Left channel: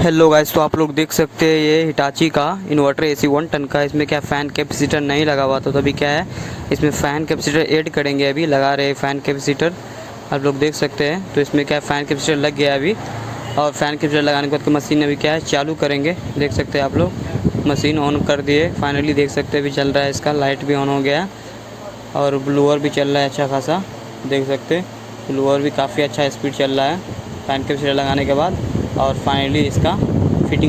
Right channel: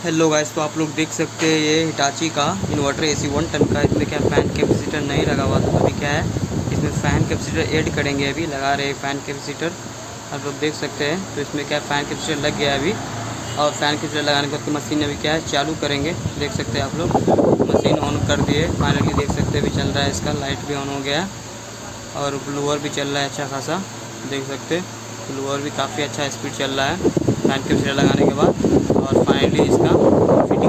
Hello guys, तो आप लोग देख सकते हैं ये हिटाची का इन्वर्टर एसी 1 टन का। इसमें क्या फ़ैन कैपेसिटर नहीं लगा हुआ था, तो अभी क्या है इसमें फ़ैन कैपेसिटर ऐड करेंगे। अभी लगा रहे हैं फ़ैन कैपेसिटर, आप लोग देख सकते हैं। तो इसमें क्या है फ़ैन कैपेसिटर लग गया है अभी, और फ़ैन कैपेसिटर लगाने के बाद मशीन अभी क्या है चालू करेंगे। देख सकते हैं आप लोग, मशीन ऑन कर दिए फाइनली। देख सकते हैं अभी चल रहा है, इसका लाइट भी ऑन हो गया और ब्लोअर भी चल रहा है अच्छा खासा। देख सकते हैं ब्लोअर भी काफ़ी अच्छा स्पीड चल रहा है फ़ैन कैपेसिटर लगाने के बाद। और फाइनली इसका फिटिंग